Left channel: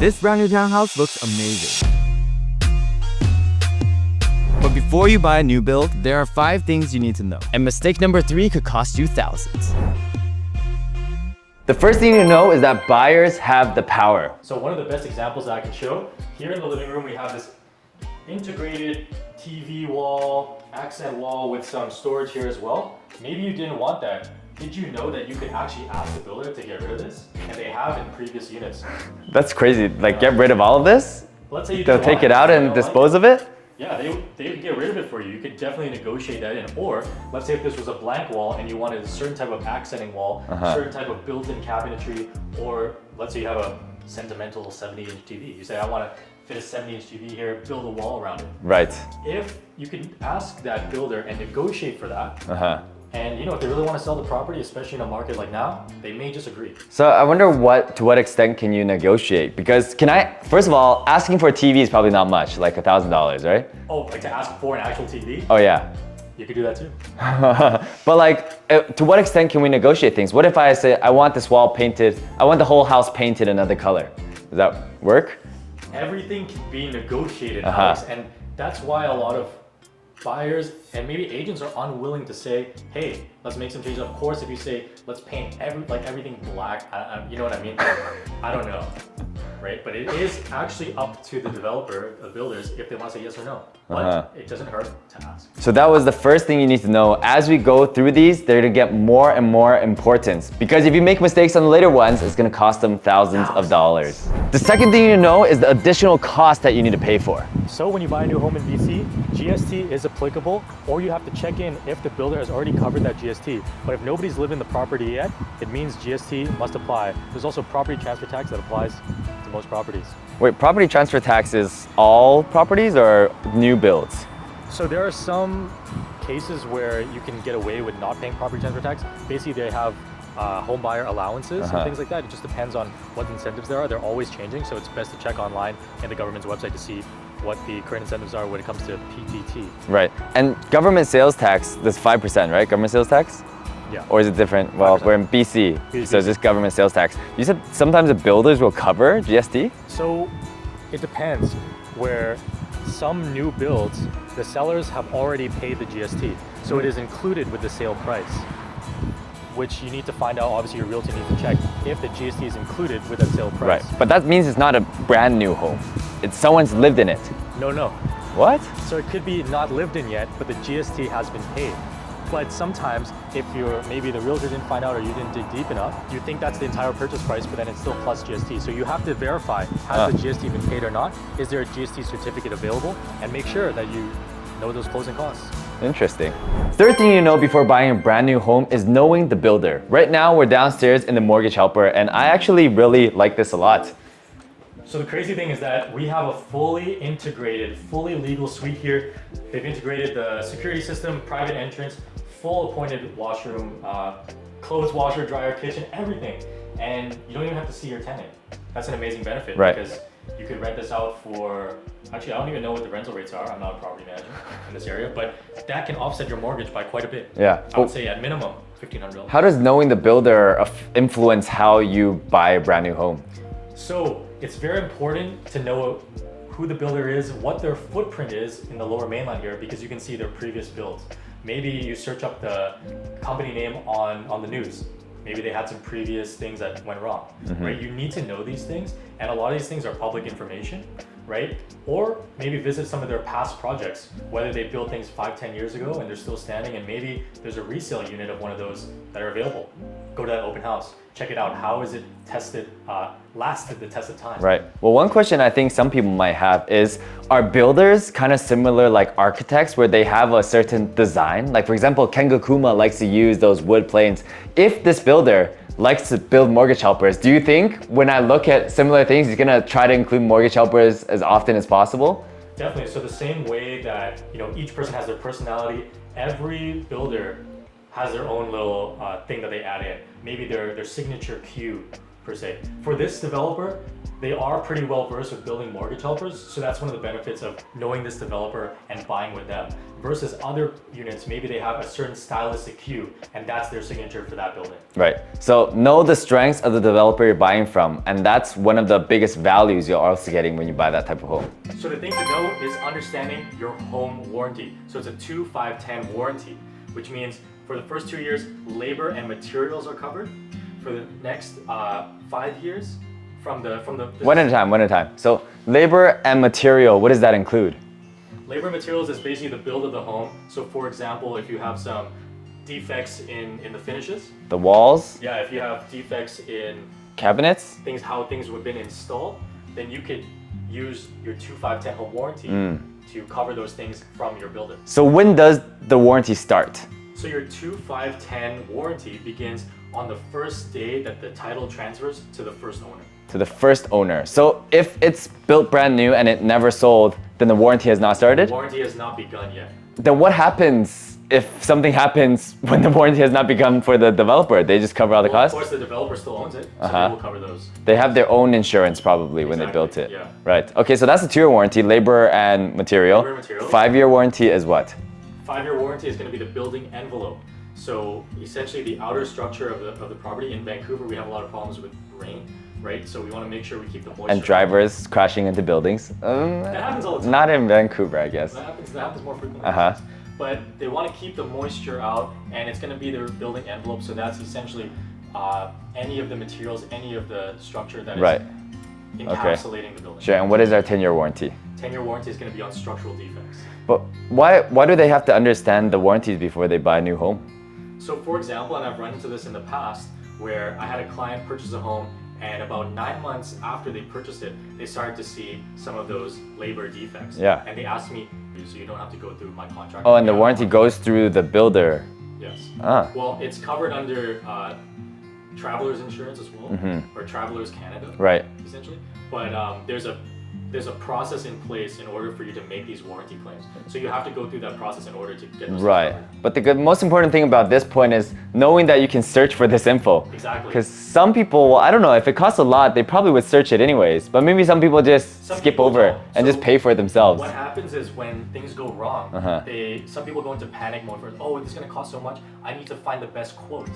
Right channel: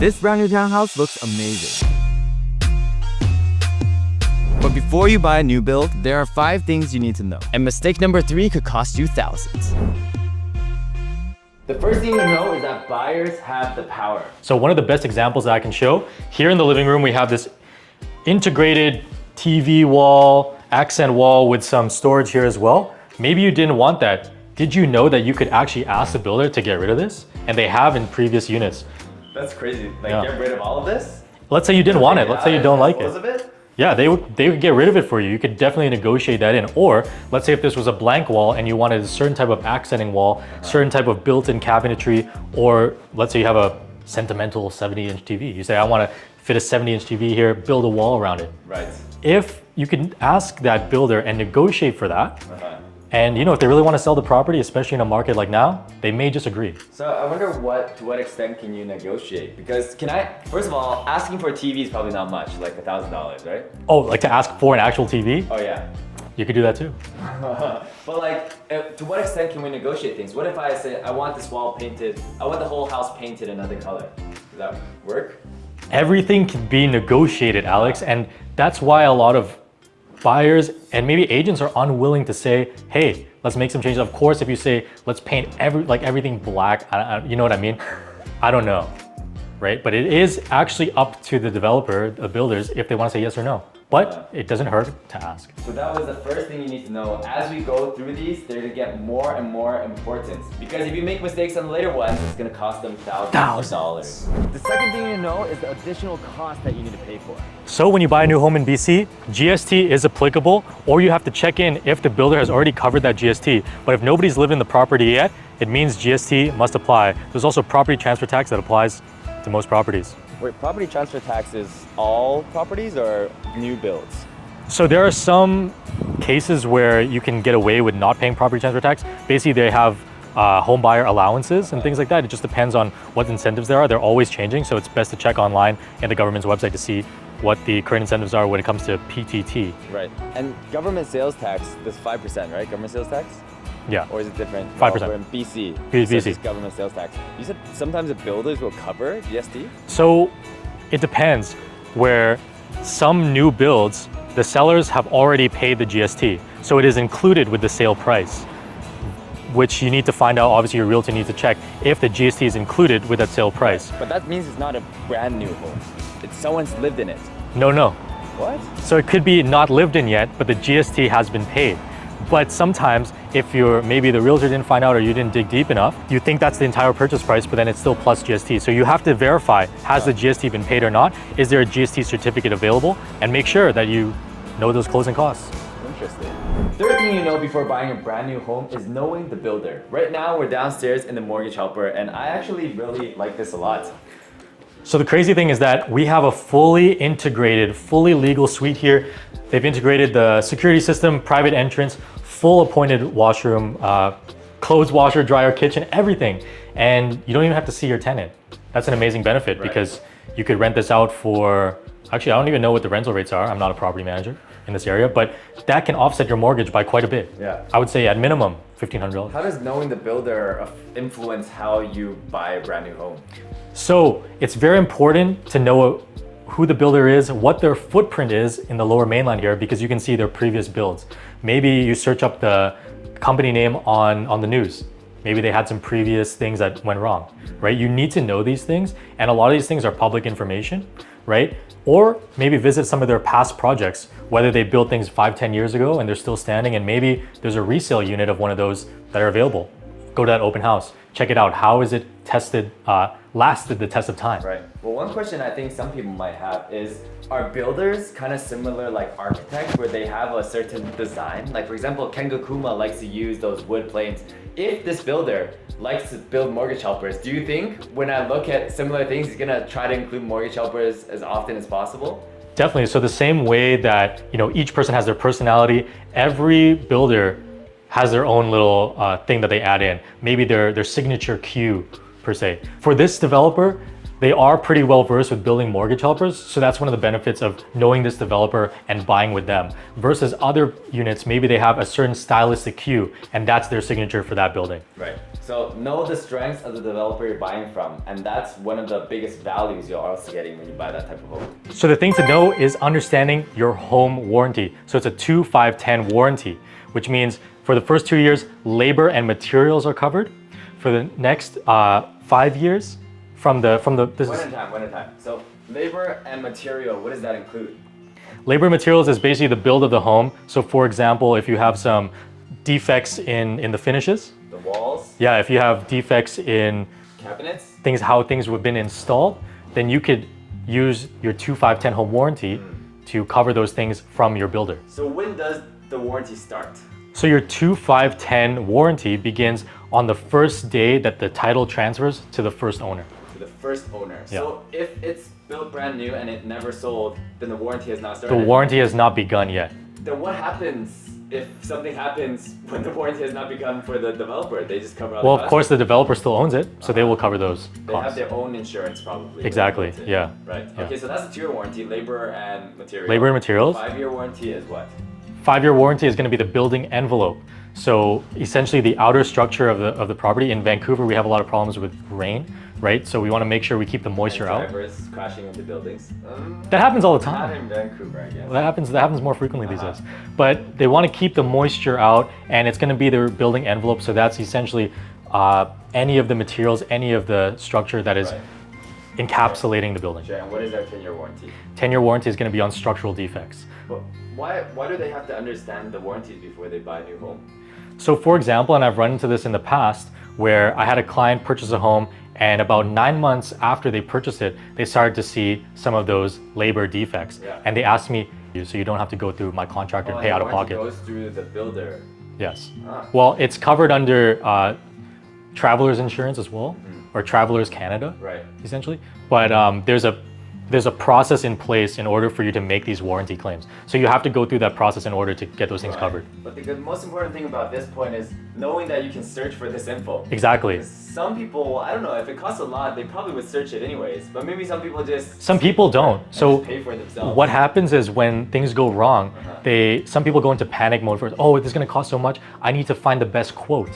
This brand new townhouse looks amazing. But before you buy a new build, there are 5 things you need to know. And mistake number 3 could cost you thousands. The first thing you know is that buyers have the power. So one of the best examples that I can show, here in the living room, we have this integrated TV wall, accent wall with some storage here as well. Maybe you didn't want that. Did you know that you could actually ask the builder to get rid of this? And they have in previous units. That's crazy. Like, get rid of all of this? Let's say you didn't want it. Take it out and dispose of it? Yeah, they would get rid of it for you. You could definitely negotiate that in. Or let's say if this was a blank wall and you wanted a certain type of accenting wall, certain type of built-in cabinetry, or let's say you have a sentimental 70-inch TV. You say, I want to fit a 70-inch TV here, build a wall around it. Right. If you can ask that builder and negotiate for that, and if they really want to sell the property, especially in a market like now, they may just agree. So I wonder to what extent can you negotiate? Because first of all, asking for a TV is probably not much, like $1,000, right? Oh, like to ask for an actual TV? Oh yeah. You could do that too. But like, to what extent can we negotiate things? What if I say, I want this wall painted, I want the whole house painted another color? Does that work? Everything can be negotiated, Alex, and that's why a lot of buyers and maybe agents are unwilling to say, hey, let's make some changes. Of course, if you say, let's paint everything black, you know what I mean? I don't know, right? But it is actually up to the developer, the builders, if they want to say yes or no. But it doesn't hurt to ask. So that was the first thing you need to know. As we go through these, they're gonna get more and more importance. Because if you make mistakes on the later ones, it's gonna cost them thousands of dollars. The second thing you need to know is the additional cost that you need to pay for. So when you buy a new home in BC, GST is applicable, or you have to check in if the builder has already covered that GST. But if nobody's lived in the property yet, it means GST must apply. There's also property transfer tax that applies to most properties. Wait, property transfer tax is all properties or new builds? So there are some cases where you can get away with not paying property transfer tax. Basically, they have home buyer allowances and things like that. It just depends on what incentives there are. They're always changing, so it's best to check online in the government's website to see what the current incentives are when it comes to PTT. Right, and government sales tax, that's 5%, right? Government sales tax? Yeah. Or is it different? Well, 5%. we're in BC, BC. so it's just government sales tax. You said sometimes the builders will cover GST? So it depends, where some new builds, the sellers have already paid the GST. So it is included with the sale price, which you need to find out, obviously your realtor needs to check if the GST is included with that sale price. Right. But that means it's not a brand new home. It's someone's lived in it. No. What? So it could be not lived in yet, but the GST has been paid. But sometimes if maybe the realtor didn't find out or you didn't dig deep enough, you think that's the entire purchase price, but then it's still plus GST. So you have to verify, has the GST been paid or not? Is there a GST certificate available? And make sure that you know those closing costs. Interesting. Third thing you know before buying a brand new home is knowing the builder. Right now, we're downstairs in the mortgage helper, and I actually really like this a lot. So the crazy thing is that we have a fully integrated, fully legal suite here. They've integrated the security system, private entrance, full appointed washroom, clothes washer, dryer, kitchen, everything. And you don't even have to see your tenant. That's an amazing benefit because you could rent this out for, actually, I don't even know what the rental rates are. I'm not a property manager in this area, but that can offset your mortgage by quite a bit. Yeah. I would say at minimum, $1,500. How does knowing the builder influence how you buy a brand new home? So it's very important to know who the builder is, what their footprint is in the Lower Mainland here, because you can see their previous builds. Maybe you search up the company name on the news. Maybe they had some previous things that went wrong, right? You need to know these things, and a lot of these things are public information, right? Or maybe visit some of their past projects, whether they built things 5-10 years ago and they're still standing, and maybe there's a resale unit of one of those that are available. Go to that open house, check it out. How is it tested, lasted the test of time? Right. Well, one question I think some people might have is, are builders kind of similar like architects where they have a certain design? Like for example, Kengo Kuma likes to use those wood planes. If this builder likes to build mortgage helpers, do you think when I look at similar things, he's gonna try to include mortgage helpers as often as possible? Definitely. So the same way that each person has their personality, every builder has their own little thing that they add in. Maybe their signature cue per se. For this developer, They are pretty well versed with building mortgage helpers, so that's one of the benefits of knowing this developer and buying with them. Versus other units, maybe they have a certain stylistic cue, and that's their signature for that building. Right. So know the strengths of the developer you're buying from, and that's one of the biggest values you're also getting when you buy that type of home. So the thing to know is understanding your home warranty. So it's a 2, 5, 10 warranty, which means for the first 2 years, labor and materials are covered. For the next 5 years, One at a time. So labor and material, what does that include? Labor and materials is basically the build of the home. So for example, if you have some defects in the finishes. The walls? Yeah, if you have defects in cabinets? How things have been installed, then you could use your 2, 5, 10 home warranty to cover those things from your builder. So when does the warranty start? So your 2, 5, 10 warranty begins on the first day that the title transfers to the first owner. To the first owner. So if it's built brand new and it never sold, then the warranty has not started? The warranty has not begun yet. Then what happens if something happens when the warranty has not begun for the developer? They just cover all the costs? Well, of course, the developer still owns it, so they will cover those. They have their own insurance probably when they built it. Yeah. Right. Okay, so that's the 2-year warranty, labor and material. Labor and materials. 5-year warranty is what? 5-year warranty is going to be the building envelope. So essentially the outer structure of the property. In Vancouver, we have a lot of problems with rain, right? So we want to make sure we keep the moisture and drivers crashing into buildings. That happens all the time. Not in Vancouver, I guess. That happens more frequently these days. But they want to keep the moisture out, and it's going to be their building envelope. So that's essentially any of the materials, any of the structure that is encapsulating the building. Sure, and what is our 10-year warranty? 10-year warranty is going to be on structural defects. But why do they have to understand the warranties before they buy a new home? So for example, and I've run into this in the past, where I had a client purchase a home, and about 9 months after they purchased it, they started to see some of those labor defects. Yeah. And they asked me, so you don't have to go through my contractor. Oh, and the warranty goes through the builder. Yes. Well, it's covered under traveler's insurance as well, or Travelers Canada, right? Essentially. But there's a process in place in order for you to make these warranty claims. So you have to go through that process in order to get those things covered. But the most important thing about this point is knowing that you can search for this info. Exactly. Because some people, I don't know, if it costs a lot, they probably would search it anyways. But maybe some people just don't and just pay for it themselves. What happens is when things go wrong, some people go into panic mode for, oh, this is going to cost so much, I need to find the best quote.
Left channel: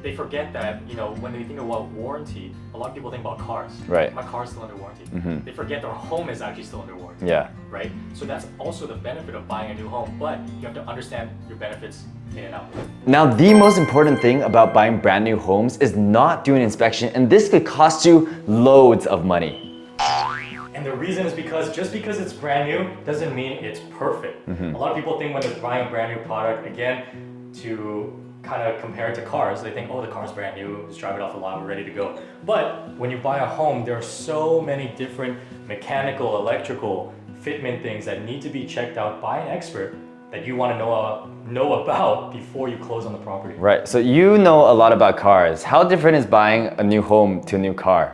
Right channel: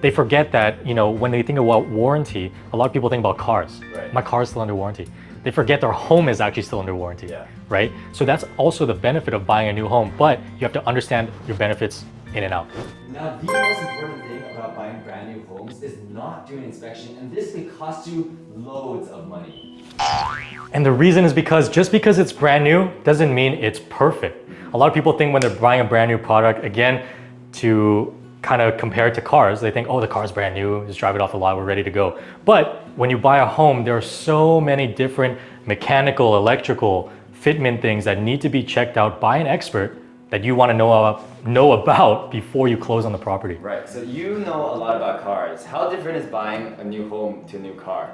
They forget that, when they think about warranty, a lot of people think about cars. Right. My car is still under warranty. They forget their home is actually still under warranty. Yeah. Right? So that's also the benefit of buying a new home, but you have to understand your benefits in and out. Now, the most important thing about buying brand new homes is not doing inspection, and this could cost you loads of money. And the reason is because just because it's brand new doesn't mean it's perfect. A lot of people think when they're buying a brand new product, again, to kind of compare it to cars, they think, oh, the car's brand new, just drive it off the lot, we're ready to go. But when you buy a home, there are so many different mechanical, electrical, fitment things that need to be checked out by an expert that you want to know about before you close on the property. Right, so you know a lot about cars. How different is buying a new home to a new car?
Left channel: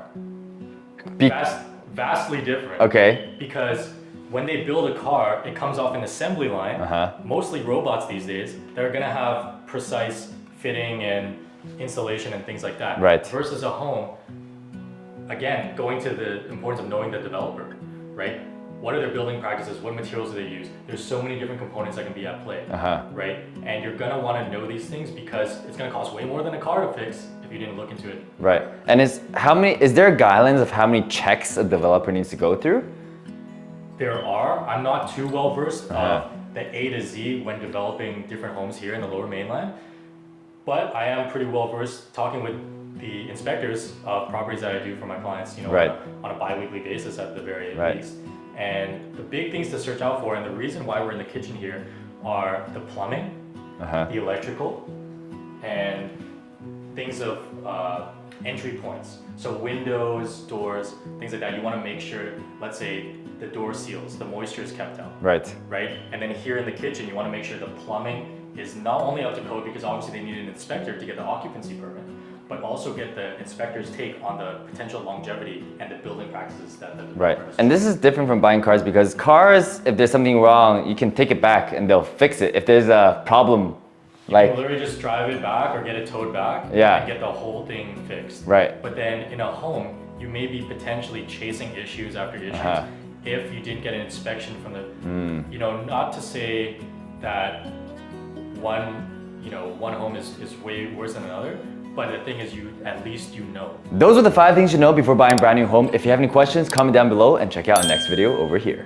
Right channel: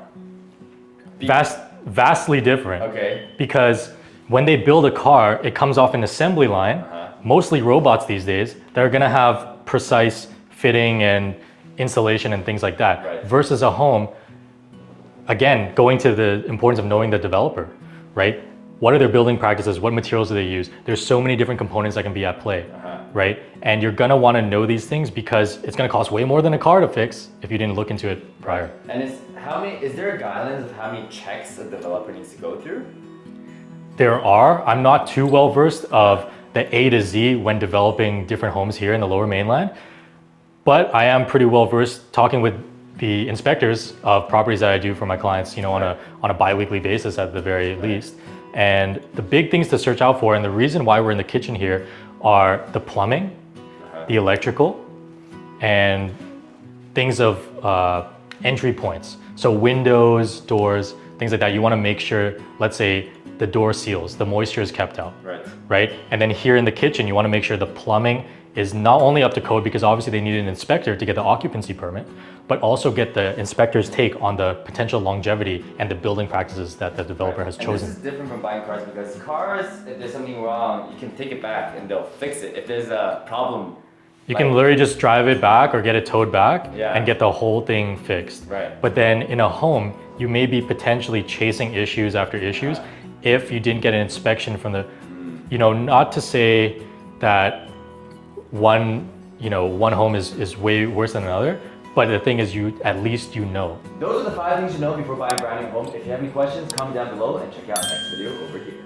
Vastly different. Okay. Because when they build a car, it comes off an assembly line, mostly robots these days, that are gonna have precise fitting and installation and things like that. Right. Versus a home, again, going to the importance of knowing the developer, right? What are their building practices? What materials do they use? There's so many different components that can be at play, right? And you're gonna wanna know these things because it's gonna cost way more than a car to fix if you didn't look into it. Right. And is there guidelines of how many checks a developer needs to go through? There are. I'm not too well versed of the A to Z when developing different homes here in the Lower Mainland, but I am pretty well versed talking with the inspectors of properties that I do for my clients, on a bi-weekly basis at the very least. And the big things to search out for, and the reason why we're in the kitchen here, are the plumbing, the electrical, and things of entry points. So windows, doors, things like that. You want to make sure, let's say, the door seals, the moisture is kept out. Right? And then here in the kitchen, you want to make sure the plumbing is not only up to code, because obviously they need an inspector to get the occupancy permit, but also get the inspector's take on the potential longevity and the building practices that the developer has chosen. And this is different from buying cars, because cars, if there's something wrong, you can take it back and they'll fix it. If there's a problem You can literally just drive it back or get it towed back Yeah. and get the whole thing fixed. Right. But then in a home, you may be potentially chasing issues after issues if you didn't get an inspection from the, not to say that one home is way worse than another, but the thing is at least you know. Those are the 5 things you know before buying a brand new home. If you have any questions, comment down below and check out our next video over here.